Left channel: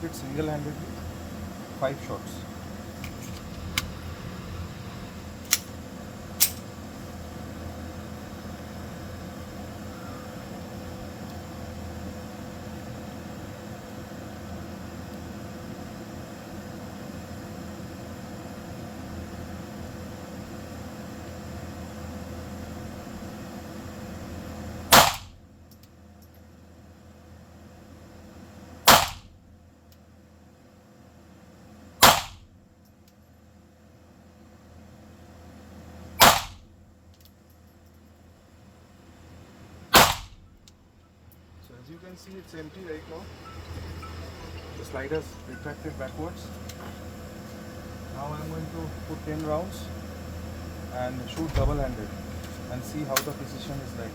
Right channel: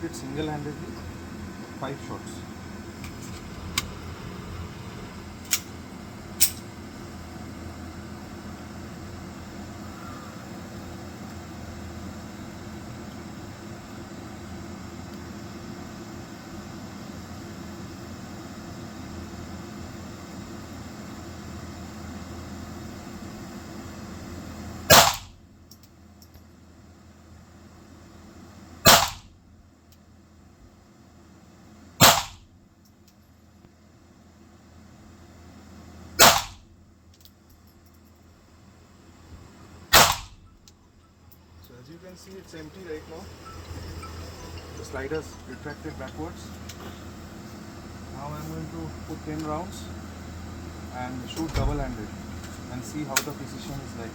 shoot it single-handedly, 5 shots. So as you can see, it's empty right now. The slider's retracted backwards. Now I'm going to put 10 rounds and shoot double-handed and see how the precision is like.